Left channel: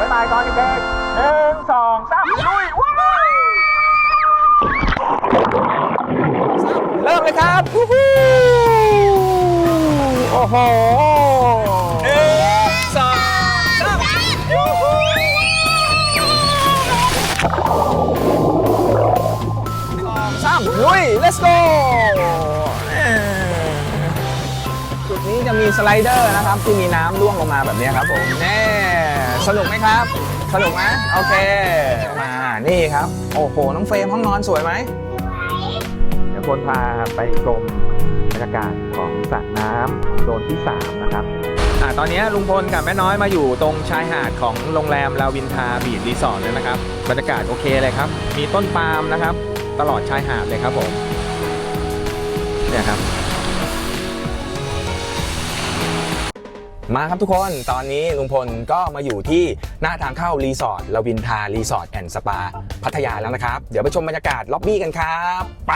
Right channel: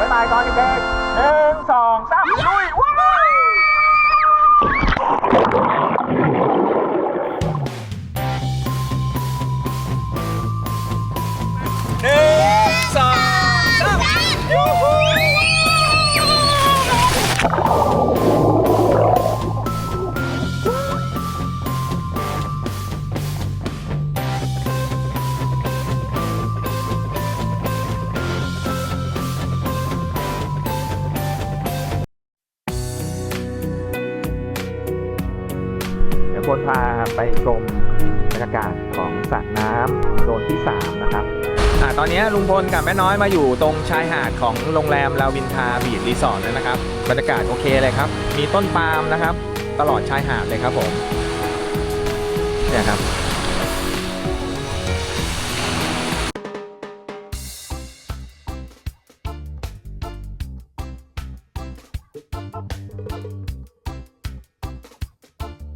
บ๊ายบายก่อนเด็กๆหนึ่งสองสาม ครับสนุกไหมโอเค มานี่ครับ โอ้โห น้องเฟรมห้องนอนสวยไหมเดี๋ยวพลพาไปชมบรรยากาศของสระน้ำโซนที่ 3 นะครับอ่าตอนนี้ลุงพลกับแม่น้อยมาอยู่ตรงชายหาดของโรงแรมลาวินทาบีดรีสอร์ทแล้วนะครับ บรรยากาศโอเคเลยครับ มีต้นปาล์มนะครับ ตลอดชายหาดเลยครับผมเนี่ยครับ มาครับทุกคนตอนนี้ลุงพลก็มาอยู่ที่หน้าทางเข้ารีสอร์ทลาวินทารีสอร์ทแอนด์สปาพัทยาแล้วนะครับ เดี๋ยวไปชมบรรยากาศล็อบบี้กันครับ ไป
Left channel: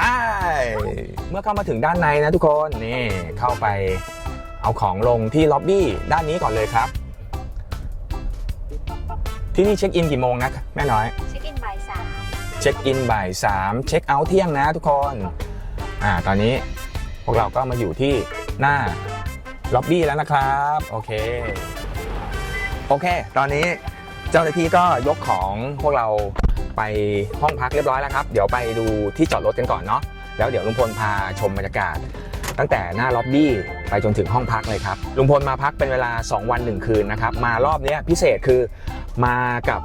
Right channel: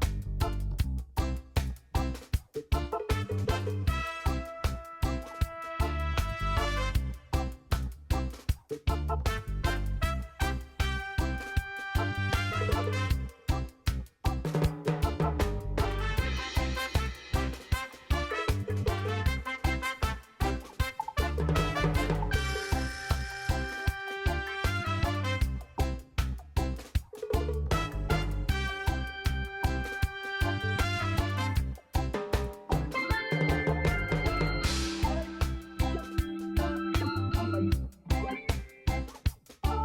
เมื่อเข้ามาถึงด้านในนะทุกคนนี่เข้าไปเอาของลงที่ล็อบบี้ด้านนี้ก่อนเลยครับ ที่นี่เช็คอินกี่โมงนะแม่น้อย เช็คอินบ่ายสามเช็คอินบ่ายสามเช็คเอาท์เที่ยงนะทุกคนอ่าตอนนี้พวกเราก็มาอยู่ที่หน้า ล็อบบี้แล้วนะครับ โอเค โอเค ตอนนี้เจ้าหน้าที่ก็ยกของพวกเราไปห้องพักเรียบร้อยแล้วครับ เดี๋ยวไปดูที่จอดรถกันก่อนเนาะ แล้วเดี๋ยวลุงพลพาชมบรรยากาศ ตั้งแต่หน้าล็อบบี้ไปจนถึงห้องพักเลยครับ ลุงพลมาพักเป็นเวลา 2 วัน 1 คืนนะครับ มารอบนี้พิเศษคือมากับ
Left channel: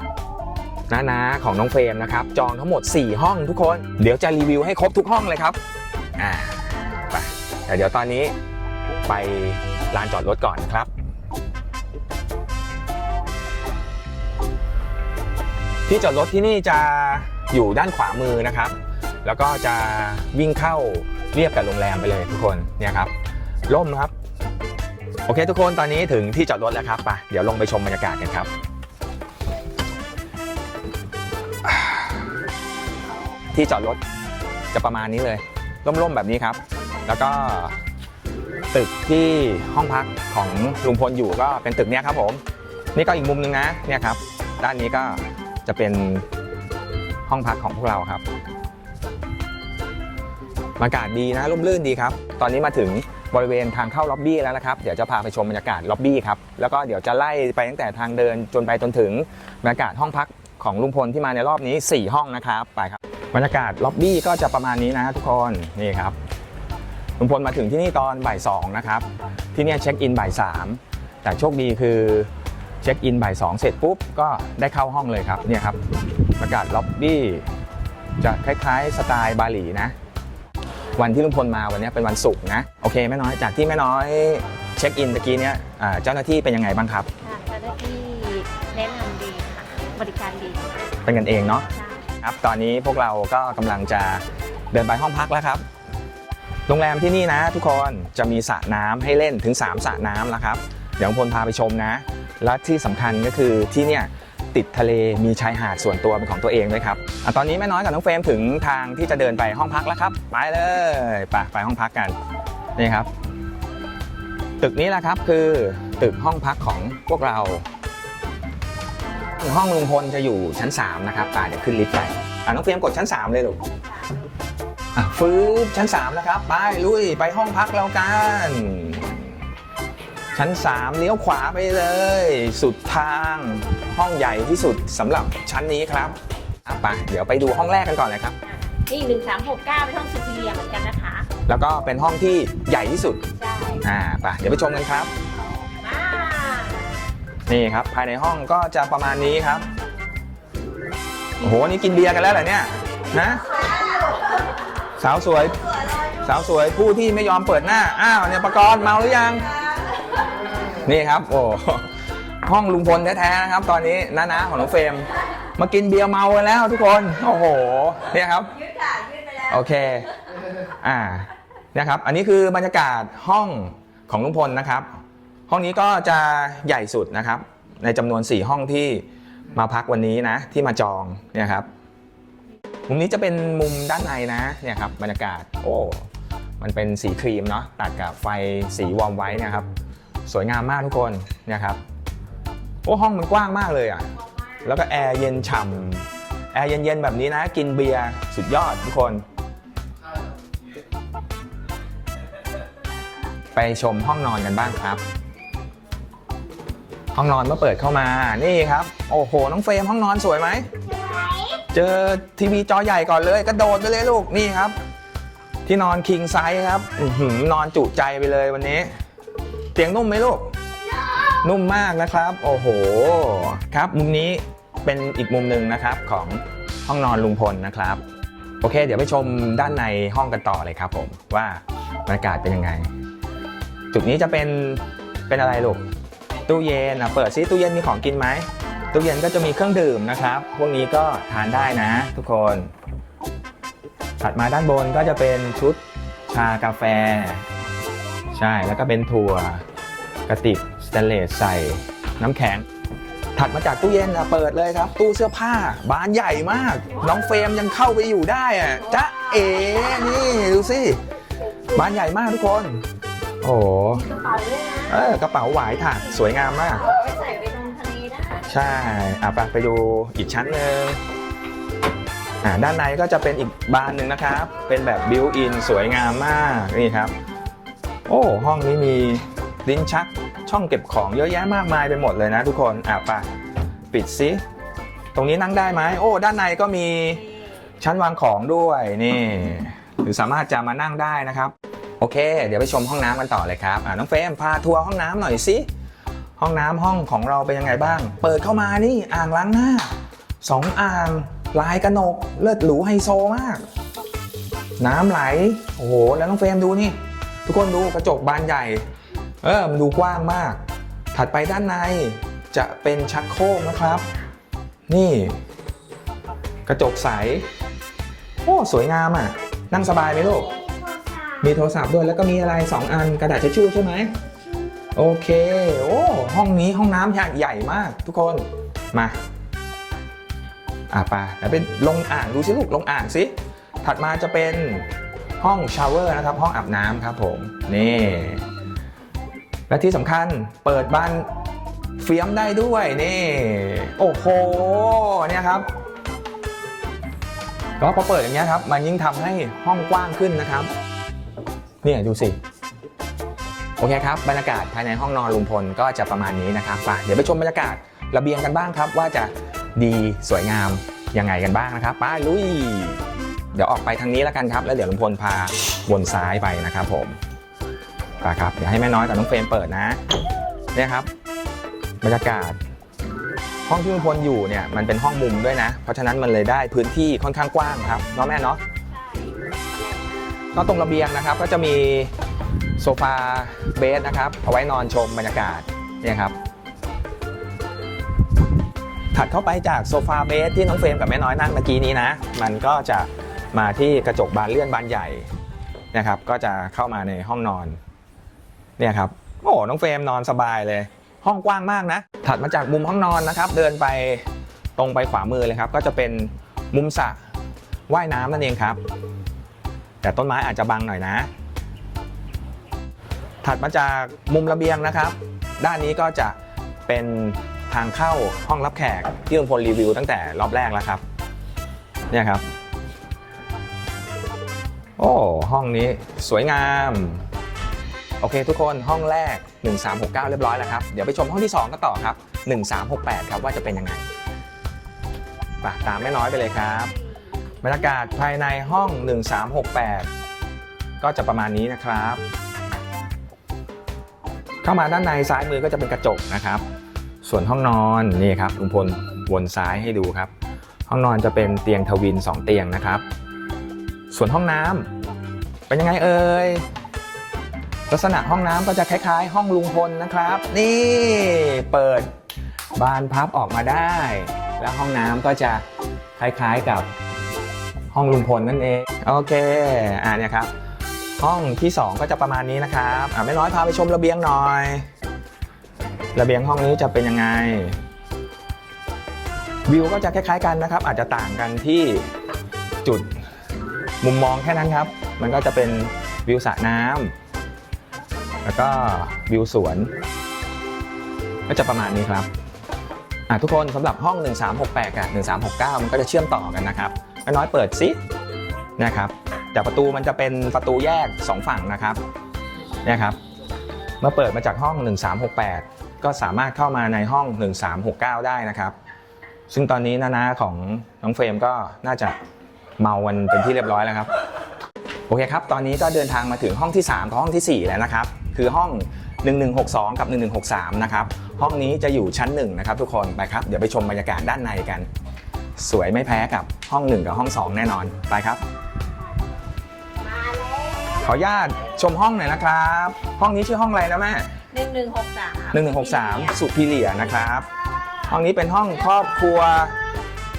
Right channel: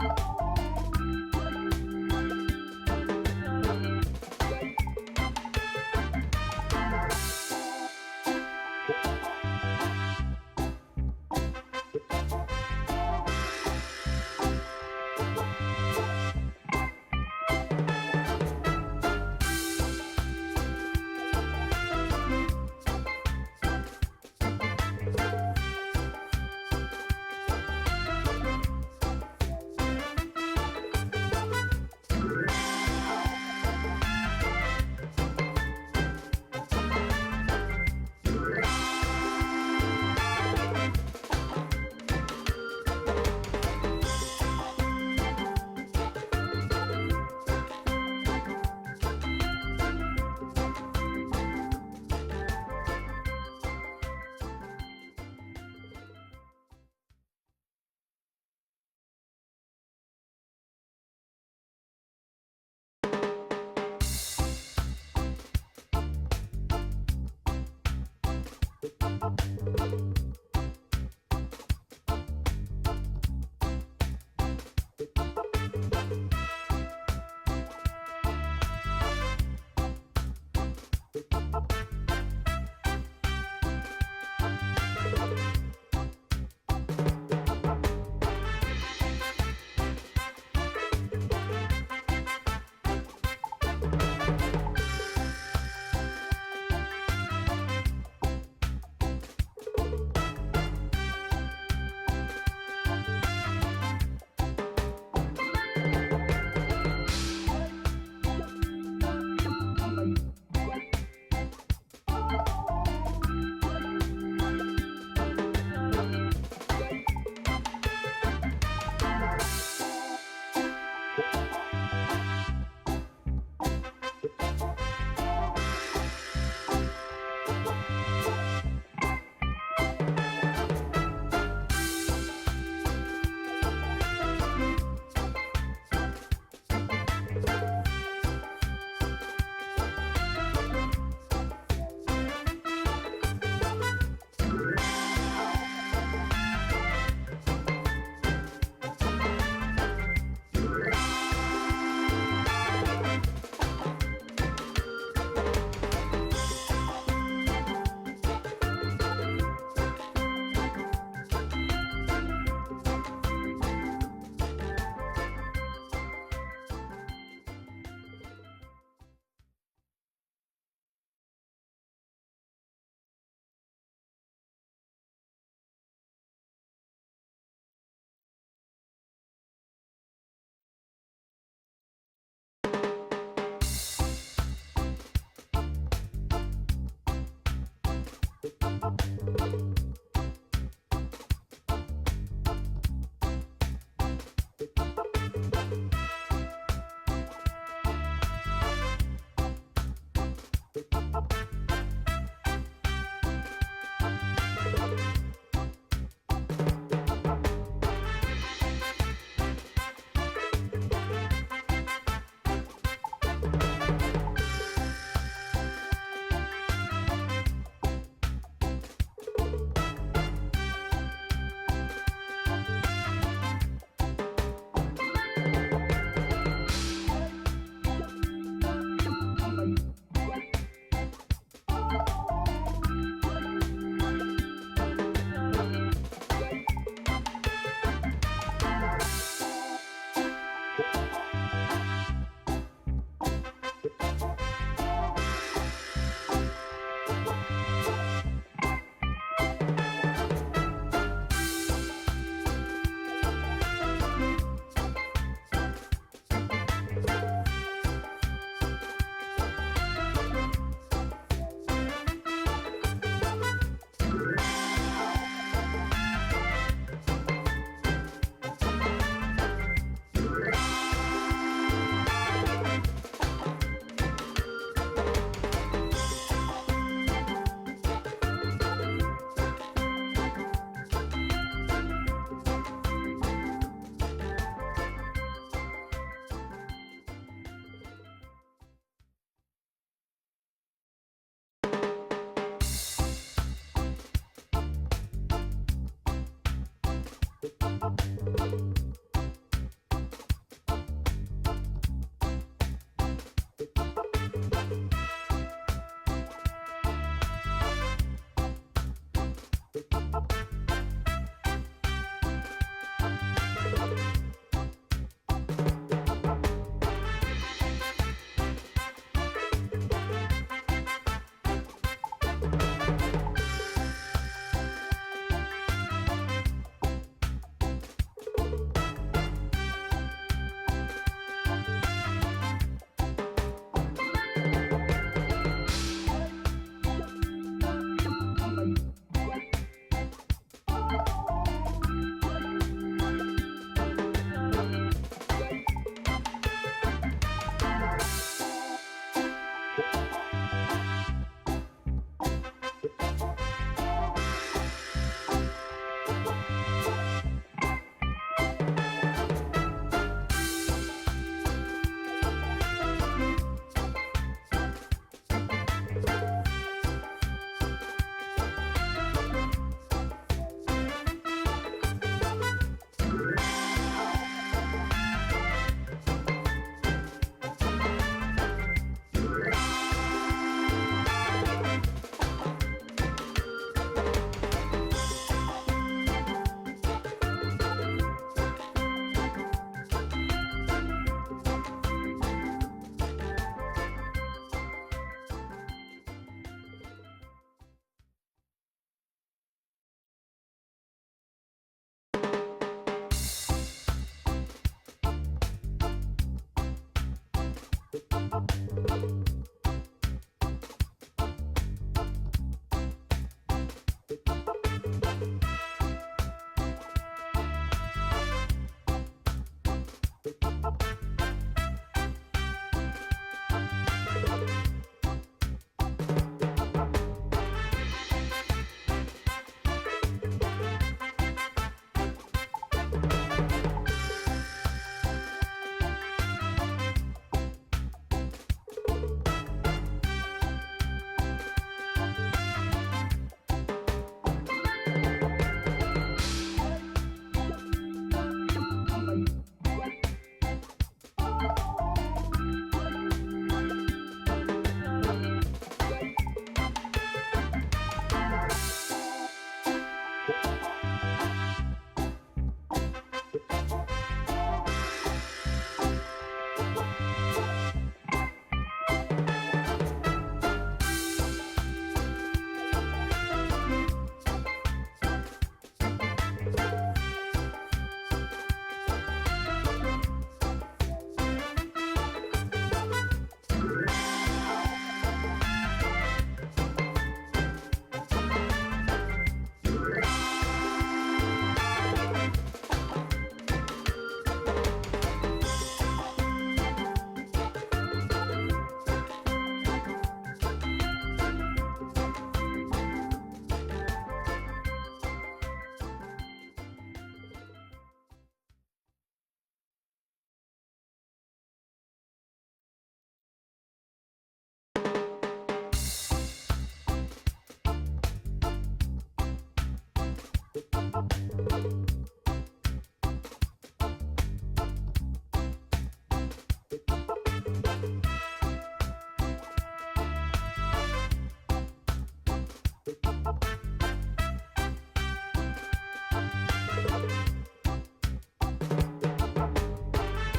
น้าๆของน้องเฟรมนะครับ จองทั้งหมด 4 ห้องทุกคน เดี๋ยวจะรีวิวให้ครบทุกห้องเลยครับ อ่า ไปแต่เดี๋ยวตอนนี้ ไปลานจอดรถก่อนครับที่จอดรถที่นี่จะอยู่ด้านขวามือนะครับ แล้วก็จะวิ่งเข้าเรียบกับโรงแรมไปเลยทุกคนเนี่ยครับร่มครับ โอเคทุกคนตอนนี้ถึงที่จอดรถแล้วครับไปเดี๋ยวลงไปชมบรรยากาศกันครับ ที่จอดรถจะประมาณนี้เลยร่มๆแบบนี้ครับ แล้วก็ ตึกที่ห้องพักของลุงพลอยู่ก็เป็นตึกเนี้ยครับผม นี่ก็อีกมุมหนึงนะเนี่ยครับ ด้านนี้ก็จะเป็นห้องพักของพวกเราครับบรรยากาศดีนะร่มรื่นดีครับ ตอนนี้มาถึงบริเวณทางเข้าล็อบบี้แล้วนะครับ เดี๋ยวจะพาไปชมบรรยากาศล็อบบี้ครับ แล้วก็เดี๋ยวจะไล่ไปตั้งแต่ทางเดินจนไปจนถึงบรรยากาศห้องพักของลุงพลที่มาในรอบนี้ 4 ห้องนะครับ ไปครับ บรรยากาศล็อบบี้ก็จะประมาณนี้นะทุกคน นี่ครับ ลุงพลมาถึงที่นี่ตอนบ่ายสองนะครับ ที่เนี่ยเช็คอินบ่ายสามแต่โชคดีคือเช็คอินบ่ายสองเสร็จปุ๊บก็ได้เข้าห้องเลยครับเนี่ยครับบรรยากาศล็อบบี้จะคล้ายๆสไตล์บาหลีนะ วันที่ลุงพลมาวันนี้เป็นวันศุกร์นะโอเคแม่น้อยจากที่แม่น้อยเช็คอินตะกี้เนี่ยอ่าเจ้าหน้าที่เป็นยังไงบ้างครับเจ้าหน้าที่แนะนำดีค่ะบริการดีเป็นกันเองเนาะครับตอนนี้พวกเราก็กำลังจะเดินไปห้องพักแล้วครับ โรงแรมที่นี่นะ ทุกคนจะมีสระน้ำให้เล่นถึง 3สระน้ำนะครับ เดี๋ยวพลพาไปชมนะ และที่สำคัญก็คือที่เนี่ยติดทะเลมีชายหาดส่วนตัวเป็นของตัวเองด้วยครับอตอนนี้แม่น้อยกับน้องเฟรมถึงทางที่จะเดินไปห้องพักแล้วครับ ไปเลยไปไปห้องพักกันนี่ครับ ตึกนี้แหละครับคือตึกห้องพักของพวกเรา ห้องลุงพลจะอยู่ชั้น 3 นะครับป่าเดี๋ยวขึ้นลิฟต์ไปน้องเฟรมกดชั้น 3 เลยลูกอะ ฟื้นชั้น3นะครับ ไปลุยไปห้องพักเรากัน ชั้น 3 เลี้ยวขวาไปเลย สุดทางห้องใหญ่ที่สุดสำหรับชั้นนี้ครับอะไปเดี๋ยวไปดูห้องแรกกันก่อนเลยครับ นี่หนึ่งสามหกเก้าเป็นห้องสุพีเรียเหมือนกันนะคะแล้วก็เป็นห้องที่ใหญ่ที่สุดใช่อ่าไปเดี๋ยวไปชมกันครับอ่านี่ครับ ภายในห้องก็จะประมาณนี้ครับโอ้โหนี่กินเบียร์กันแล้วเหรอเนี่ยนะ สาวสวย สาวสวยผู้ที่ไม่ยอมเปิดหน้า อ้าวเนี่ยประกรณ์เมาหรือยัง นี่ครับ โอ้ห้องลุงพลแท้ๆนะครับ ตอนนี้น้าๆของน้องเฟรมมากินเบียร์เมากันแล้วทุกคน โอ้โห เนี่ยครับ โอเค อ่าเนี่ยครับ อันนี้คือบรรยากาศห้องของลุงพลนะครับ ห้องนี้ก็จะใหญ่สุดนะครับ ในจำนวน 4 ห้องที่มาพักวันนี้นะ ที่มาจองเนี่ยครับ มุมนี้จะเป็นมุมด้านในนะเนี่ยครับบรรยากาศโอ้มันเป็นสีครีมเนาะตัดกับไฟสีวอร์มไว้นะครับ สวยงามมากทุกคนเนี่ยครับโอ้ห้องมันกว้างมากเลยอะแล้วก็แอร์เย็นฉ่ำแอร์เย็นๆแบบนี้นะ กินเบียร์สุดยอดทุกคน ไปชมห้องนอนกันบ้างครับ ห้องนอนเมื่อเปิดเข้ามานี่ครับ โอ้โหน้องเฟรมห้องนอนสวยไหม เจอทีวีจอใหญ่ก่อนเลยกระโดดไปเลยลูกนี่ครับ ที่นอนคิงไซส์ครับออหือนอนจุใจไปเลยวันนี้ เตียงนุ่มไหมลูก นุ่มมากนะครับ โอ้โห ครับมุมนี้เป็นอีกมุมหนึ่งนะครับของห้องนอนลุงพลนะครับ โอเค เดี๋ยวไปชมด้านในห้องกันต่อเลยครับผมว่าบรรยากาศเป็นยังไง จุดนี้จะเป็นเป็นอะไรลูกตู้เย็นอะเปิดซิตู้เย็นมีของกินไหม ตู้เย็นก็จะมีเครื่องดื่มนะครับ พวกนี้ก็ทานได้นะ ทุกคน ถัดมาด้านบนก็จะเป็นชุดชากาแฟ ใช่ แล้วก็เป็นถั่วกระติกสเตนเลสใส่น้ำแข็ง ถัดมาจากตู้เย็นอะเปิดเลยครับ ตู้เสื้อผ้า บานใหญ่มาก น้องเฟรมยังเข้าไปอยู่ได้อะจ๊ะเอ๋นี่ดูสิ บานใหญ่มากทุกคน โอ้โหเออกระเป๋าหวายถ่านสวยงามมาก ใช่อะไปไปดูอีกชั้นหนึ่งอ่าด้านในก็จะเป็นอีกบานหนึ่งนะครับ เป็นแบบบิวอินสวยงามมากนี่ครับ โอ้ห้องนี้มีลิ้นชักช่องเก็บของเยอะแยะมากมายไปหมดเลยนะทุกคนอะไปปิดซิตรงนี้นั่งได้ไหมโอ้ด้านในก็มีชั้นวางของด้วยนี่ หรือสามารถจะมานั่งได้นะครับ โอเค เดี๋ยวไปชมห้องน้ำกันต่อเลยครับอ่าน้องเฟรมพาทัวร์ห้องน้ำหน่อยสิ ห้องน้ำห้องของเราเป็นยังไงบ้าง เปิดเข้ามานี่อ่างล้างหน้าสองอ่างลายกระหนก เลิศหรูไฮโซมาก น้ำไหล โอ้โห แล้วน้องเฟรมดูนี่ ทุกคนดูกระจกบานใหญ่ เออมันดูกว้างมาก ถัดไปด้านในจะเป็นชักโครกนะครับ นี่ กระจกใส โอ้สวยงามอะ นั่งสบายไหมลูก มีโทรศัพท์ด้วยแล้วก็มีอะไร 2 อันกระดาษทิชชู่ใช่ไหม โอเค โอ้ ห้องนี้ห้องน้ำใหญ่ใหญ่มาก ทุกคนมาอะไปแล้วเป็นลงอ่างดูสิลูกลงอ่างสิถัดมาจะเป็นห้องชาวเวอร์นะครับ ห้องอาบน้ำครับผมนี่และที่สำคัญเปิดบ้านเฟียมได้ด้วยนี่โอ้โหเนี่ยครับแล้วพอเปิดอย่างเงี้ยครับ มันยิ่งทำให้ห้องกว้างขึ้นนะครับ เนี่ยดูสิ โอเคครับบรรยากาศภายในห้องนอนลุงพลก็จะประมาณนี้นะครับไปเดี๋ยวไปชมบรรยากาศระเบียงกันบ้างครับ ว่าจะดีสวยงามยังไงกันบ้างนะครับไปลุย เดี๋ยวออกไปทางนี้แล้วกันครับ แล้วเดี๋ยวลุงพลพาวนซ้ายไปนะครับผมไปครับเดี๋ยวให้แม่น้อยกับน้องเฟรมเปิดนะเนี่ยครับบรรยากาศ ห้องที่ลุงพลอยู่เนี่ยมันเป็นห้องมุมด้วยนะ เพราะฉะนั้นมันเลยได้พื้นที่ค่อนข้างกว้างครับเนาะแม่เนาะก็ตรงระเบียงนะครับ ก็จะมี โซฟาเบสนะครับ เอาไว้นอนชมบรรยากาศเนี่ยครับถัดเข้าไปจากโซฟาเบสที่น้องเฟรมกับแม่น้อยนั่งเมื่อกี้นี้นะ มันก็จะมาที่กระจกบานเลื่อนบานใหญ่นะครับ ก็จะเข้ามาในห้องนอนเนี่ยครับโอ้น้องเฟรมนอนสบายเลย ห้องกว้างมากนะ ถัดมาจากมุมห้องนอนนะครับ เดินไปตรงไปขวามือเลยครับ ก็จะเป็นมุมสระว่ายน้ำนั่นเองครับ แต่ต้นไม้อาจจะบังหน่อยนะ ถัดมาจากมุมระเบียงนะครับ ด้านนี้ก็จะเป็นทางเข้าห้องรับแขกที่ลุงพลรีวิวตั้งแต่รอบแรกแล้วครับเนี่ยครับ โอ้ห้องนี้สวยงาม โอเคทุกคนห้องแรก 1369 เรียบร้อยแล้วครับ เดี๋ยวไปชมห้องที่ 2 ก็ต่อครับ 1368 ครับว่าจะเป็นยังไงปตามแม่น้อยไปเลยครับบรรยากาศภายในห้อง 1368 ก็จะประมาณนี้นะครับ เข้ามาด้านในซ้ายมือก็จะเป็นกระจกนะครับ ส่วนห้องนอนนี่ครับลุงพลวนซ้ายให้ดูครับ ห้องนอนจะเป็นเตียงทวิน 2 เตียงนะครับ ส่วนห้องน้ำเป็นยังไงเอ่ยลักษณะห้องน้ำก็จะคล้ายๆ ห้องลุงพลนะครับ นี่เปิดบานพับออกมาได้ แล้วห้องน้ำก็จะคล้ายๆกับห้องลุงพลนั่นเอง โอเค อ่าเนี่ยครับ ห้องที่ 2 ก็จะประมาณนี้นะครับอ่าไม่น้อยพาไปชมระเบียงหน่อย ระเบียงห้องนี้จะเป็นยังไง วิวก็จะคล้ายๆกันนะครับ อาจจะต่างกันที่จุดมุมมองแค่นั้นครับ มันก็จะเป็นวิวสระน้ำแล้วก็วิวสวน ก็จะประมาณนี้ครับทุกคนสำหรับห้อง 1368 กับ 1369 มันก็จะเชื่อมต่อกันนะครับน้อยเปิดซินะครับ แต่ประตูมันจะเป็นประตูแยก 2 ฝั่งนะครับนะครับ เมื่อเปิดมาจากห้อง 1368 ก็สามารถเข้ามาในห้อง 1369 ได้นะครับ ซึ่งตอนนี้นานาของน้องเฟรมก็น่าจะเมากันเป็นที่เรียบร้อยแล้วครับ โอเคครับ ตอนนี้ก็เดินทางมาถึงห้องที่3กับห้องทีสี่ 4 แล้วนะครับ คือห้อง 1162 กับ 1163 นะครับ ห้องนี้จะอยู่ชั้น1นะครับทุกคนไปครับเดี๋ยวไปชมบรรยากาศด้านในกัน สวยไม่แพ้กับห้อง 1 กับห้อง 2 แน่นอนไปครับ ออนุญาตชมห้องหน่อยนะครับ ห้องนี้ชื่อห้องอะไรนะแม่หนึ่งหนึ่งหกสาม1163 สุพีเลียนะครับ ห้องนี้เป็นห้องครอบครัว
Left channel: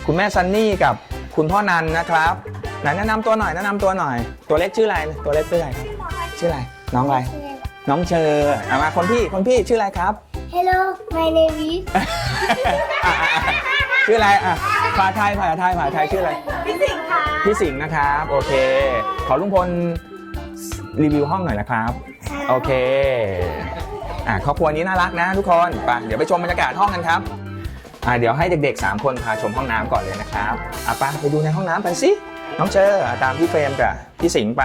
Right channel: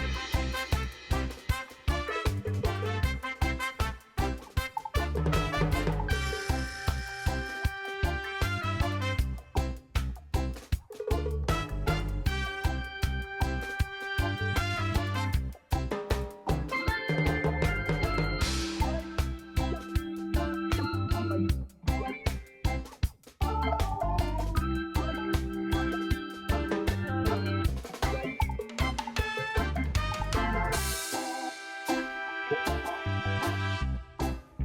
คุณแม่ซันนี่กับคุณพ่อนันนะครับไหนแนะนำตัวหน่อยแนะนำตัวหน่อย ตัวเล็กชื่ออะไรตัวเล็กชื่ออะไรชื่ออะไรน้องอะไรน้องเชอร์เอามาคนพี่คนพี่ชื่ออะไรครับ Hello, my name is อะอะอะชื่ออะไรอะภาษาไทยภาษาไทยภาษาไทยชื่ออะไรพี่สิงห์ค่ะพี่สิงห์นะครับ โอเค ขอลุงพล รีวิวห้องหน่อยนะครับ โอเคอะครอบครัวนี้น่ารักนะทุกคนไปเดี๋ยวไปชมบรรยากาศห้องกันครับอะเดี๋ยวให้เด็กๆ 3 คนพาชมห้องน้ำก่อนเลยนะครับอะไปไปดูในห้องน้ำไปสิน้องเจออะตามพี่เฟรมกับพี่สิงห์ไป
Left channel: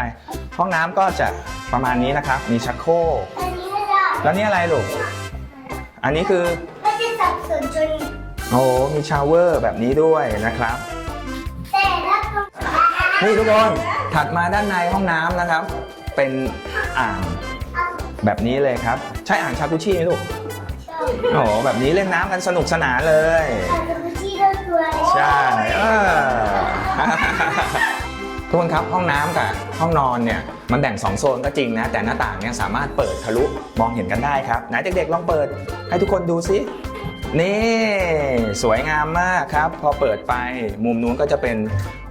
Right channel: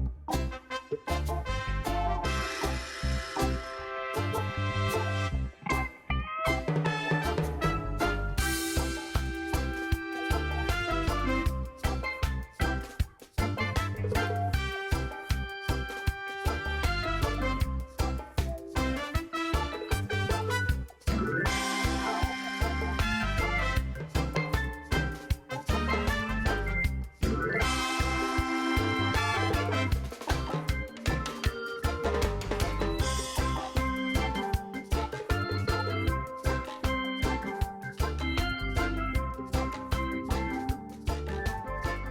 ห้องน้ำก็จะประมาณนี้นะครับ มีชักโครกอันนี้ก็ได้แล้วนี่อะไรลูกอันนี้คือไม่ได้สับสนจนโอ้มีชาวเวอร์แบบนี้ด้วยนะครับแต่ละก็นี่ทุกคนถัดมาด้านในห้องน้ำนะครับ เป็นอ่างแบบนี้เลยครับ ใช่อ่างชากุชิไหมลูกโอ้โหแบบนี้เล่นน้ำกันสนุกสนานเลยอาจจะไม่ใช่เรื่องตัวใช่เออทุกคนครับห้องน้ำกับห้องนอนเนี่ยมันแบ่ง 2 โซนก็จริงนะ แต่หน้าต่างเนี่ยสามารถเปิดทะลุมองเห็นกันได้ครับไหนเด็กๆลองเปิดให้ทุกคนดูสินี่สวยงามมากครับ พอเปิดไปมุมนู้นก็จะเป็น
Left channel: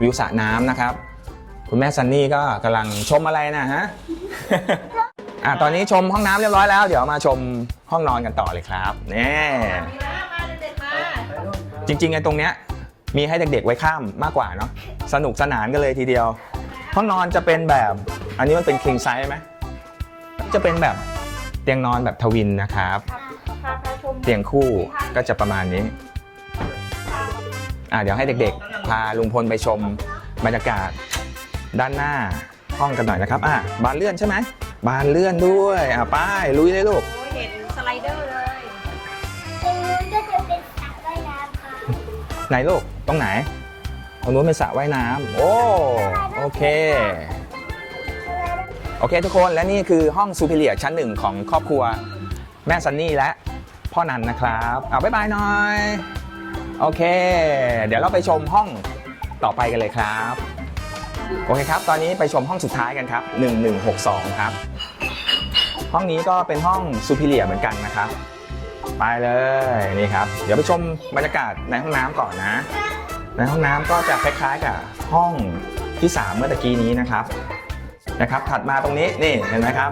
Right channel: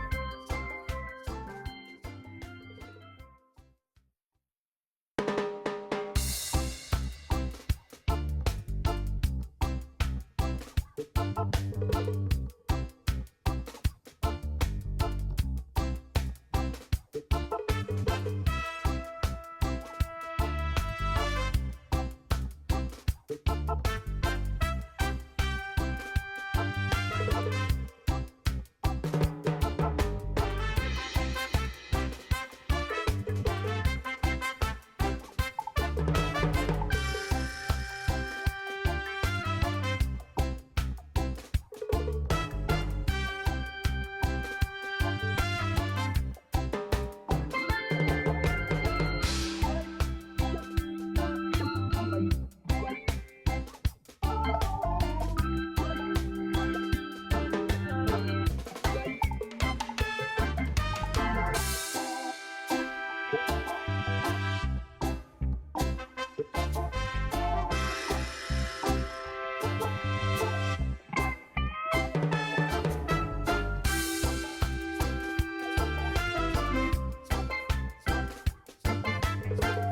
วิวสระน้ำนะครับ คุณแม่ซันนี่ก็กำลังชมอะไรนะฮะ อะตอนนี้ชมห้องน้ำเรียบร้อยแล้ว เดี๋ยวมาชมห้องนอนกันต่อเลยครับนี่จริงๆไอ้ตรงเนี้ยมีให้เด็กๆไว้ข้ามมากกว่าเนาะสนุกสนานกันเลยทีเดียว ห้องนอนจะเป็นแบบ อันนี้มันเป็น king size ไหมจะเป็นแบบเตียงนอนแบบทวินนะครับ เตียงคู่ก็จะประมาณนี้อะเดี๋ยวให้เด็กๆ พาลุงพลไปชมบรรยากาศ ด้านหน้าห้องกันหน่อยนะครับอะบานเลื่อนใช่ไหมบานเลื่อนด้วยอะป้ายลุยเลยลูกเห็นสไลเดอร์เลย ตรงนู้นก็จะเป็นสระว่ายน้ำค่ะไหนลูกตรงไหนตรงนู้นเป็นสระว่ายน้ำโอ้โอเค โอเคทุกคนและนี่คือห้องซูเปอร์เลียชั้นหนึ่งของครอบครัว แม่ซันนี่และพ่อนันนะครับเอาบ๊ายบายหน่อย โอเค เดี๋ยวเราไปชมห้องต่อไปกันเลยครับ โอเคครับ ตอนนี้ไปชมห้องสุดท้ายกันครับ 1162 ครับ ห้องนี้ก็เป็นห้องซูเปอร์เลียเหมือนกันนะครับ ไปเลยนี่ครับ เดี๋ยวไปชมบรรยากาศในห้องน้ำก่อนนะ ในห้องน้ำก็จะคล้ายๆกับห้องที่ 3 เมื่อตะกี้นี้นะครับ นะครับ ถัดมาตรงนี้นี่เห็นไหมครับ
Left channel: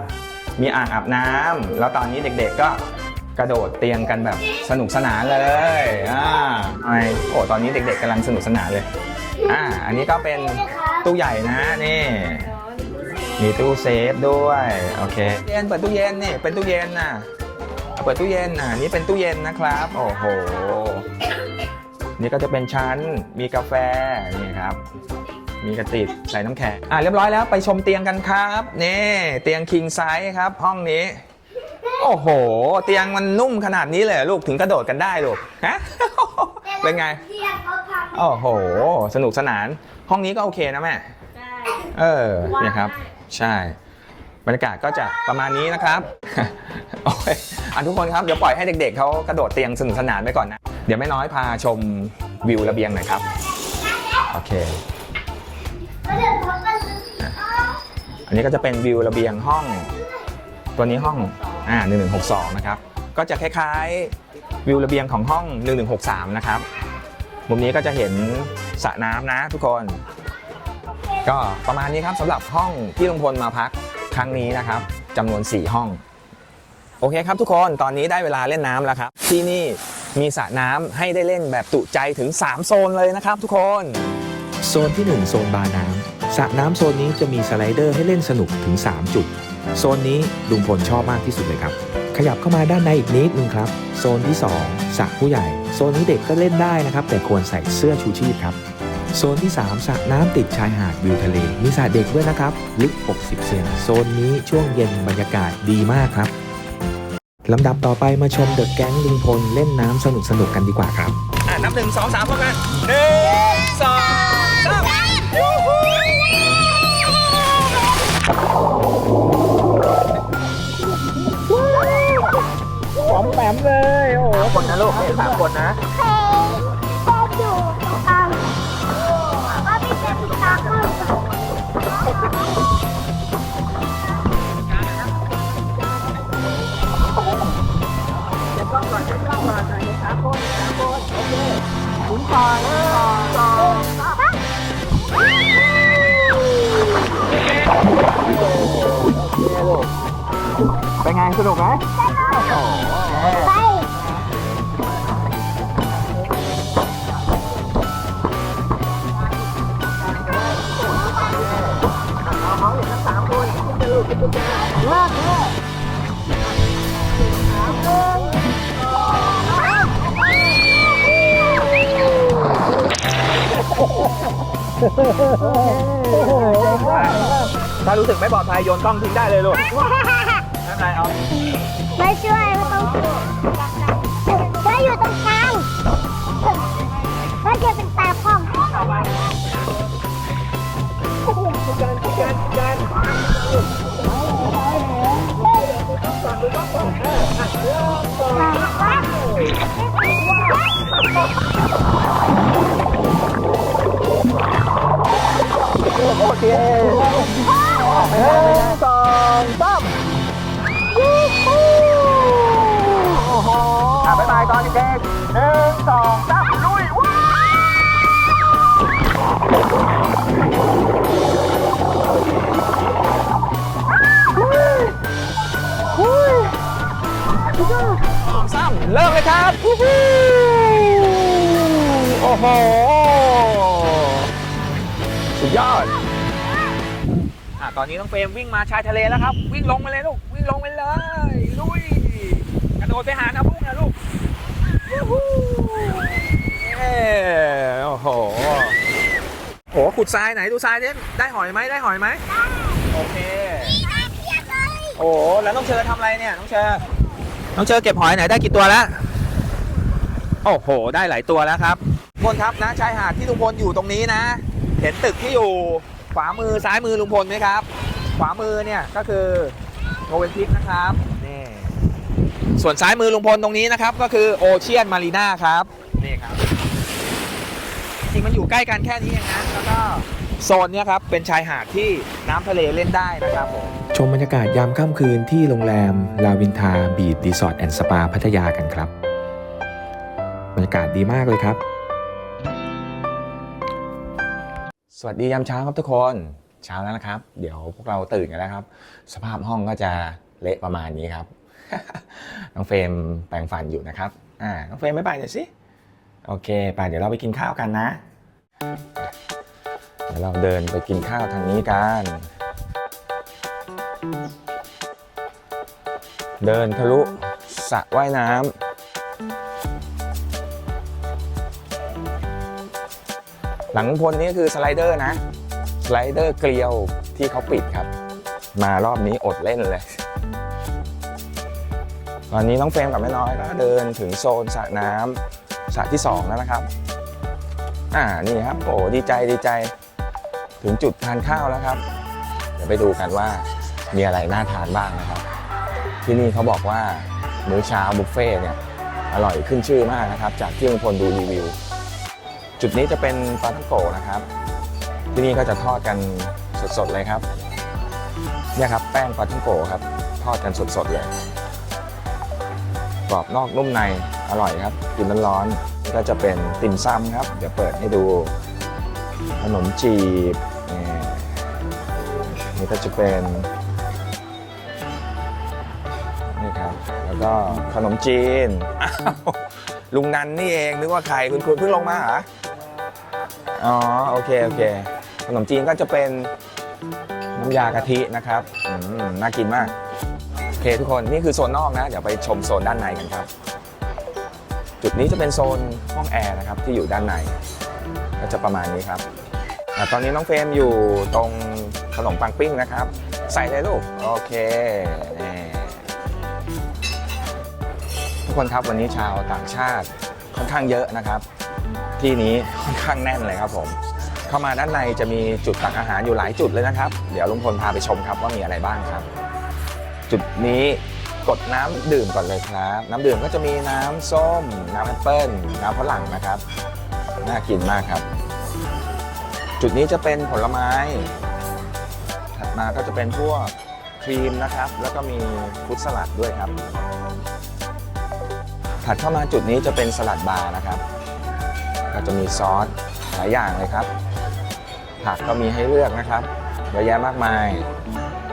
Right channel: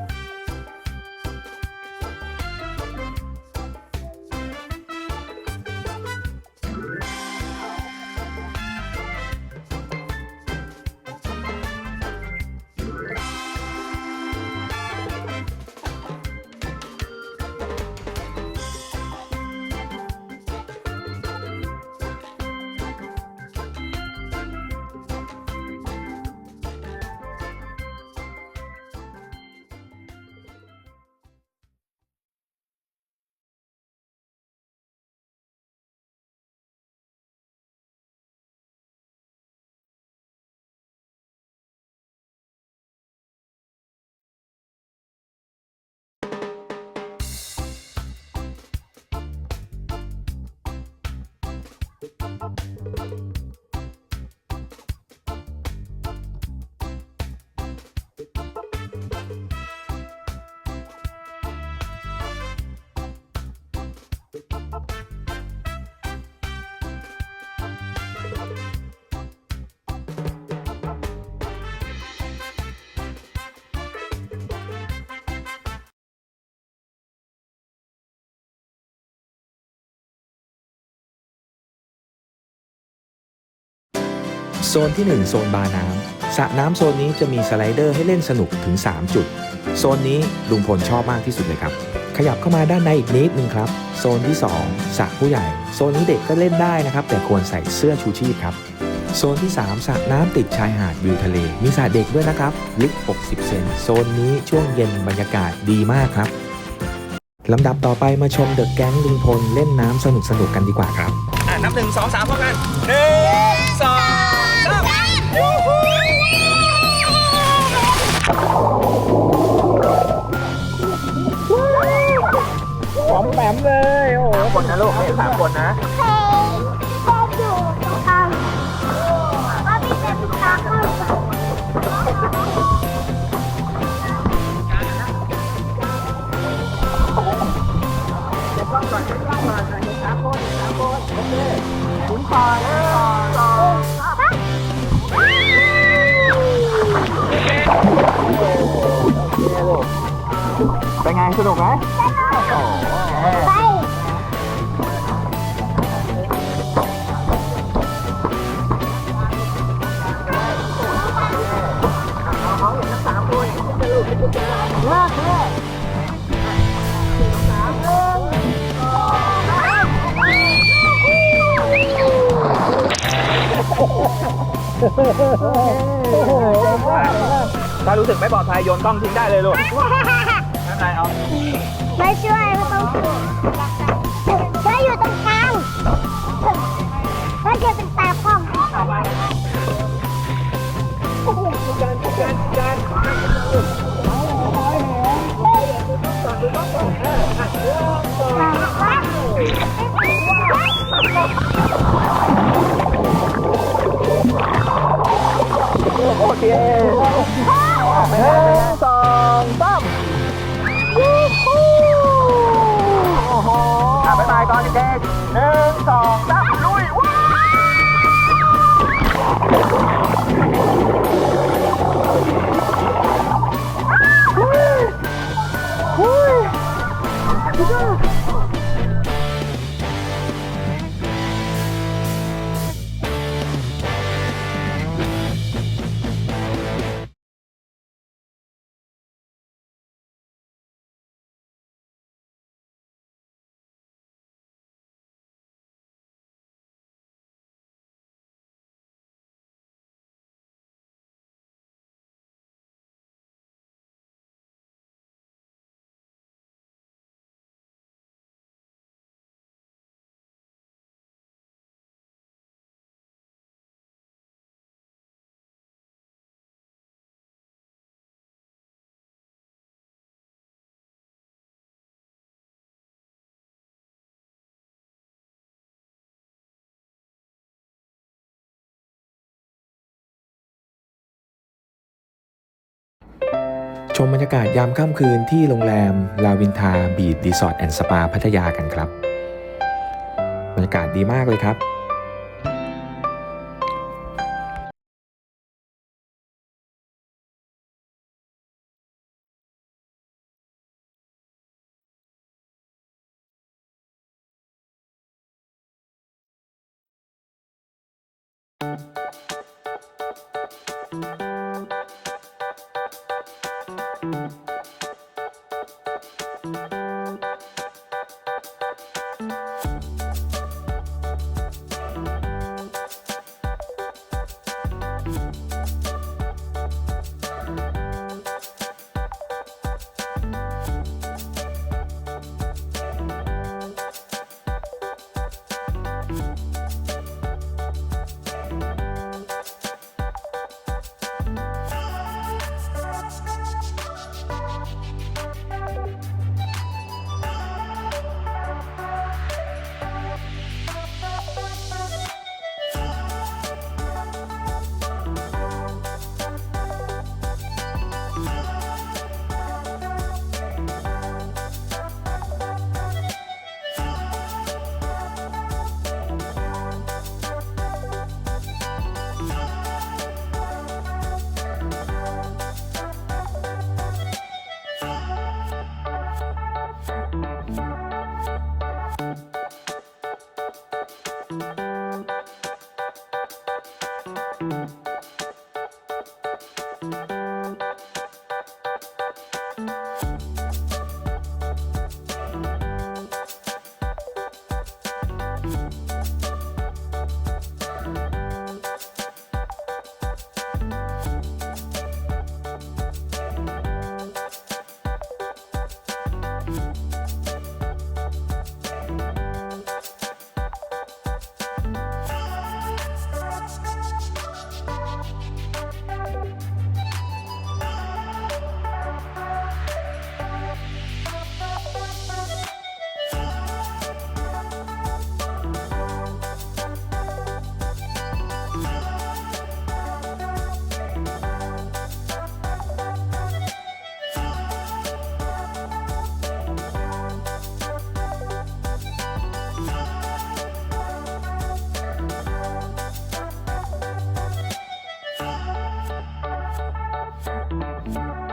มีอ่างอาบน้ำแล้วตอนนี้เด็กๆก็กระโดดเตียงกันแบบสนุกสนานเลย อ่าไอโอ้ตอนนี้เด็กๆกำลังสนุกสนานเลย อ่าอันนี้ก็เป็นตู้ใหญ่นะนี่มีตู้เซฟด้วยโอเคเย็นเปิดตู้เย็นนี่เป็นตู้เย็นน่ะเปิดตู้เย็นน่ะนี่เป็นตู้เย็นนะครับโอ้โหนี่ก็จะเป็นชั้นมีกาแฟนี่ครับ มีกระติบใส่น้ำแข็งอะเรียบร้อยแล้วไปชมเตียงกันครับนี่เตียงคิงไซส์ครับ ห้องนี้โอ้โห เตียงมันนุ่มขนาดนี้เลยลูกถึงกระโดดกันได้ลูกฮะ เป็นไง เรียกเขาพังโอ้โห สนุกสนาน ห้องนี้ก็โอเคนะแม่ใช่เออเนี่ยครับ ใช่ บรรยากาศก็จะประมาณนี้นะครับ โอเคอะทุกคนครับ เดี๋ยวปล่อยให้เด็กๆเขากระโดดเตียงสนุกสนานไปก่อนนะ เดี๋ยวแม่น้อยพาชมวิวระเบียงหน่อยครับ โอเค แล้วเดี๋ยวเขาก็อันนี้ก็จะเป็นวิวระเบียงห้อง ตัวนี้ห้อง อ่า1162 นะครับ ก็จะคล้ายๆ วิวระเบียงของห้อง 1163 นะครับ มุมนี้ก็จะเห็นสระน้ำนะทุกคน ก็ประมาณนี้ครับสำหรับห้องที่ลุงพลมาพักครั้งนี้นะครับจำนวน 4 ห้อง โอเคครับทุกคนตอนนี้ได้เวลาเล่นน้ำแล้วครับ ที่นี่มีสระน้ำให้ได้เล่นแบบจุใจถึง 3 โซนเลยนะครับทุกคนโซนที่ 1 โซนบาร์น้ำสระน้ำโซนนี้จะมีสไลเดอร์ให้เล่นสนุกถึง 3 จุด โซนนี้ลุงพลชอบมากที่สุดเลยครับ ขยับเข้ามาด้านในอีกนิดนึงครับ โซนที่2สระผู้ใหญ่ โซนนี้เด็กก็เล่นได้นะครับ แต่ควรใส่เสื้อชูชีพครับ โซนที่ 3สระน้ำติดชายหาดวิวทะเล มีสระเด็กด้วยนะครับ ลึก 60 เซน โซนนี้ช่วงเย็นบรรยากาศดีมากครับลำดับต่อไปมาชมเดอะแก๊งลุงพลเล่นน้ำสนุกๆกันดีกว่าครับ อะนับหนึ่งสองสามพร้อมกันหนึ่งสองสาม มแปมเลย โอ้โหคนนะลูกนี่สามคนนะเคยชอบอยู่ตรงกลางว่าพี่เป็นตาข้างเป็นไงสนุกไหม ไปถ้ารู้สึกไม่ปลอดภัยโยนกล้องทิ้งได้เลยลูกไม่ เป็นไรเอาไม่ช่วยไม่ต้องถ้าอยู่ตรงกลางถ้าเกิดเป็นตาข้องโอเคหนึ่งสองสาม อนเด็กๆหนึ่งสองสามลุยว้าวสามเริ่มเลยครับโอ้โหสุดยอดอะตอนนี้น้องเฟรมวิ่งมาชายทะเลแล้วครับ วิ่งลงไปเลยลูก วิ่งลงไปเลย ลุย กระโดดไปหาน้ำพุ่งนะลูกยูฮูเย้โอ้โห โห ขุ ดทรายไหนดูทรายดิได้หอยไหมได้หอยไหมโอเค โอ้โหแล้วน้องเชอทำอะไรเนี่ยน้องเชอน้องเชอเก็บหอยไหนได้กี่ตัวแล้ว โอ้โห ได้หลายตัวแล้วครับทุกคนครับนะชายหาดที่ลุงพลอยู่ตรงนี้นะ เห็นตึกที่อยู่ขวามือซ้ายมือลุงพลไหมครับ ขวามือเนี่ยก็คือโนเวนพิกนะครับนี่ส่วนซ้ายมือลุงพลตรงนี้นะครับ ก็คือโอเชียนมารีนาครับนี่ครับจ ริงมันอยู่ใกล้กันแค่นี้เองนะแล้วก็โซนเนี้ยครับเป็นชายหาดที่น้ำทะเลเล่นได้นะครับผม ชมบรรยากาศยามค่ำคืนที่โรงแรม ลาวินทาบีดรีสอร์ทแอนด์สปาพัทยากันครับ บรรยากาศดีมากเลยครับ สวัสดียามเช้าครับทุกคนเช้าแล้วนะครับ เดี๋ยวพวกเราตื่นกันแล้วครับ สภาพห้องก็จะเละประมาณนี้ครับ น้องเฟรมแปรงฟันอยู่นะครับอ่าน้องเฟรมไม่ไปหน่อยสิ โอเคไปเดี๋ยวเราไปกินข้าวกันนะเดี๋ยวเราเดินไปกินข้าวทางนี้กัน เดินทะลุสระว่ายน้ำหลังลุงพลนี่คือสไลเดอร์นะ สไลเดอร์เกลียวที่เขาปิดครับ มารอบนี้อดเล่นเลยตอนนี้น้องเฟรมกับแม่น้อยก็เดินถึงโซนสระน้ำ สระที่ 2 แล้วนะครับ อ่า นี่ครับ โอ้ ดีใจ ดีใจ ถึงจุดทานข้าวแล้วครับ เดี๋ยวไปดูกันว่ามีอะไรน่าทานบ้างนะครับ ที่นี่เขาบอกว่ามื้อเช้าบุฟเฟ่เนี่ย อร่อยขึ้นชื่อมากนะครับ จากที่ลุงพลดูรีวิว จุดนี้จะเป็นปลาท่องโกนะครับ ที่นี่ก็จะทอดกันสดๆเลยครับ เนี่ยครับ แป้งปลาท่องโกครับ ทอดกันสดๆเลย กรอบนอกนุ่มในอร่อยครับกินร้อนๆก็จะเป็นติ่มซำครับเดี๋ยวเปิดให้ดูขนมจีบนี่ก็จะเป็นนี่ครับแล้วก็ขนมจีนลุงนันนี่เองนึกว่าใครคุณครูเพิ่งลงมาเหรออ๋อโอเคโอเคขนมจีนก็จะเป็นน้ำยากะทินะครับน่ากินมาก เคทุกคนนี่คือโซนนอกนะ เดี๋ยวไปชมโซนด้านในกันครับ จุดนี้จะเป็นโซนห้องแอร์นะครับที่อยู่ด้านในก็จะประมาณนี้ครับตอนนี้น้องเฟรมอยู่ตรงขนมปังปิ้งนะครับ ใส่เลยลูก โอเคทุกคนครับวันนี้ชาวต่างชาติค่อนข้างเยอะนะครับ ที่นี้ค่อนข้างแน่นเลยครับผมเข้ามาด้านในจะมีจุดตักอาหารอยู่หลายจุดเลยนะครับ เดี๋ยวลุงพลพาไปชมครับว่ามีอะไรบ้างครับ จุดนี้กดน้ำดื่มก่อนเลยครับ น้ำดื่มก็จะมีน้ำส้ม น้ำแอปเปิ้ลน้ำฝรั่งนะครับ น่ากินมากครับ จุดนี้จะเป็นผลไม้ ถัดมาก็จะเป็นพวกครีมนะครับ แล้วก็มีฟรุตสลัดด้วยครับ ถัดเข้ามาจุดนี้จะเป็นสลัดบาร์นะครับก็จะมีซอสหลายอย่างเลยครับ ผักก็มีให้เลือกนะครับเยอะแยะมากมาย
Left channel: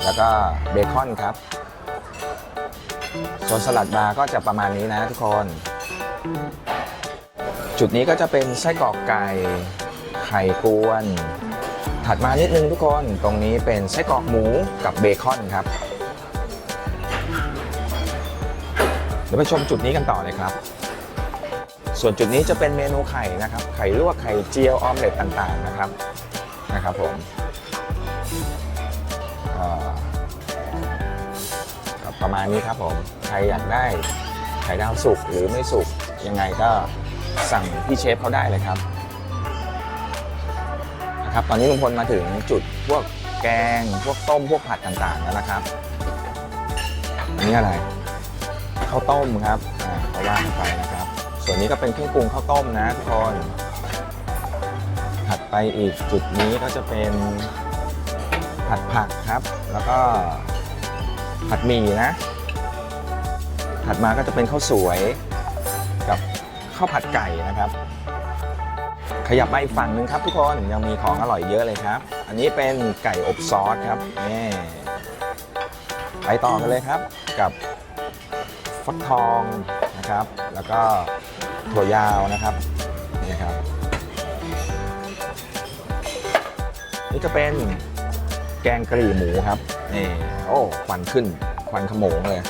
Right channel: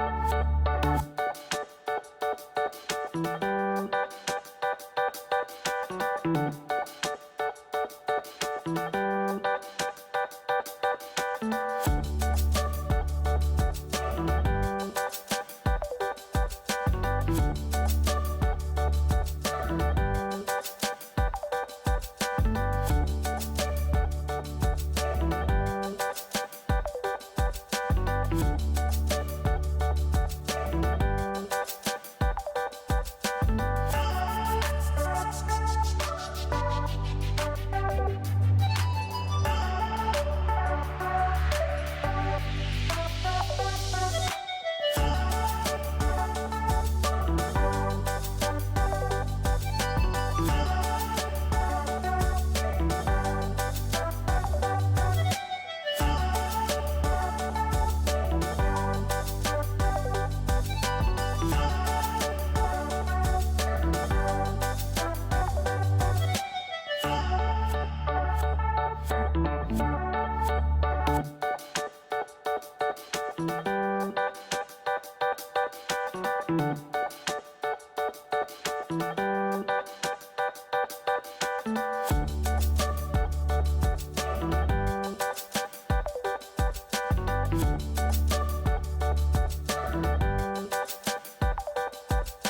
แล้วก็เบคอนครับ ส่วนสลัดบาร์ก็จะประมาณนี้นะทุกคน จุดนี้ก็จะเป็นไส้กรอกไก่ไข่กวน ถัดมานิดนึงทุกคนตรงนี้เป็นไส้กรอกหมูกับเบคอนครับเดี๋ยวไปชมจุดนี้กันต่อเลยครับ ส่วนจุดนี้จะเป็นเมนูไข่นะครับ ไข่ลวกไข่เจียวออมเล็ตต่างๆนะครับ นะครับผมประมาณนี้ครับผมใครอยากได้ไข่ดาวสุกหรือไม่สุกยังไงก็สั่งพี่เชฟเขาได้เลยครับครับตอนนี้ลุงพลมาถึงจุดพวกแกง พวกต้ม พวกผัดต่างๆแล้วนะครับอันนี้อะไรข้าวต้มครับอ่าเขาว่าไปนะครับ ส่วนนี้ก็เป็นเครื่องปรุงข้าวต้มนะทุกคน ไปอีกจุดนี้ก็จะเป็นผัดผักครับ แล้วก็ผัดหมี่นะ ถัดมาก็จะเป็นข้าวสวยกับข้าวผัดไก่นะครับ ขยับมาอีกฝั่งหนึ่งครับทุกคนยังมีของอร่อยเยอะเลยครับ อันนี้เป็นไก่อบซอสครับนี่ไปต่อกันเลยครับกับฟักทองนะครับ แล้วก็ถั่วยาวนะครับ จะเป็นแกงกะหรี่หมูครับนี่โอ้ควันขึ้นควันขโมงเลย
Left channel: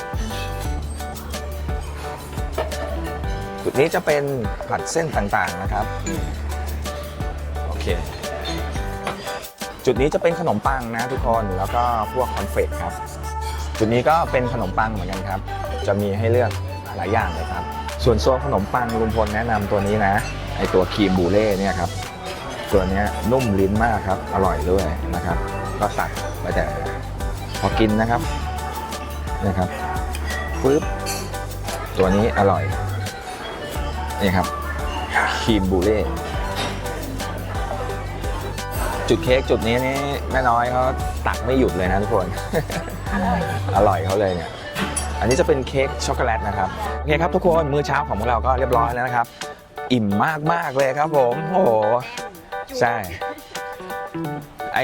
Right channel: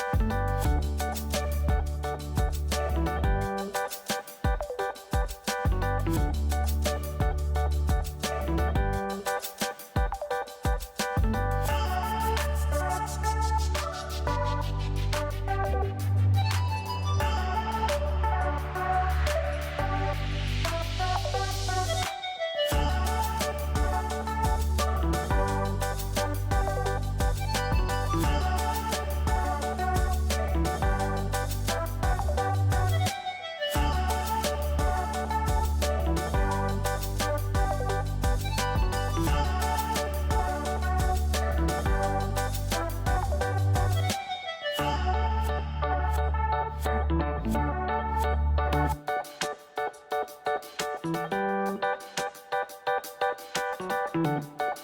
จุดนี้จะเป็นผัดเส้นต่างๆนะครับโอเคจุดนี้จะเป็นขนมปังนะทุกคนแล้วก็พวกคอนเฟกครับ จุดนี้ก็เป็นขนมปังเหมือนกันครับ จะมีให้เลือกหลายอย่างเลยครับ ส่วนโซนขนมปังลุงพลแนะนำตัวนี้นะไอตัวครีมบูเล่เนี่ยครับ ตัวนี้นุ่มลิ้นมากครับ อร่อยด้วยนะครับ ก็ตักไปแต่พอกินนะครับนะครับปึ๊บตัวนี้อร่อยนี่ครับครีมบูเล่จุดเค้กจุดนี้นี่แม่น้อยเขาตักไม่หยุดเลยนะทุกคน อร่อยเขาเลยเนี่ยอันนี้จะเป็นเค้กช็อกโกแลตนะครับโอเคครับทุกคนมื้อเช้าของพวกเราก็เรียบร้อยแล้วนะครับ อิ่มมากมากๆเลยครับผม โอ้โห ใช่ ไอ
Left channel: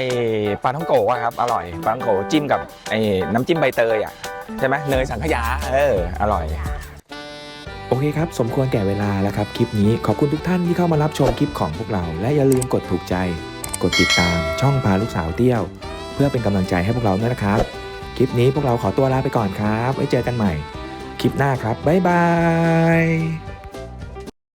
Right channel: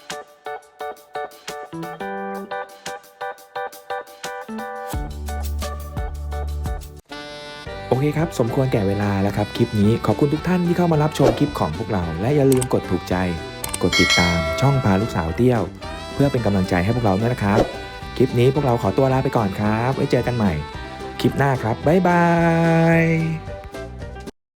ปลาท่องโกะอะครับ อร่อยปลาท่องโกะจิ้มกับไอ้น้ำจิ้มใบเตยอะใช่ไหมเนยสังขยาเอออร่อย โอเคครับ สมควรแก่เวลาแล้วครับ คลิปนี้ขอบคุณทุกท่านที่เข้ามารับชมคลิปของพวกเรา และอย่าลืมกดถูกใจ กดติดตามช่องพาลูกสาวเตี้ยว เพื่อเป็นกำลังใจให้พวกเราด้วยนะครับ คลิปนี้พวกเราขอตัวลาไปก่อนครับ ไว้เจอกันใหม่ คลิปหน้าครับบ๊ายบาย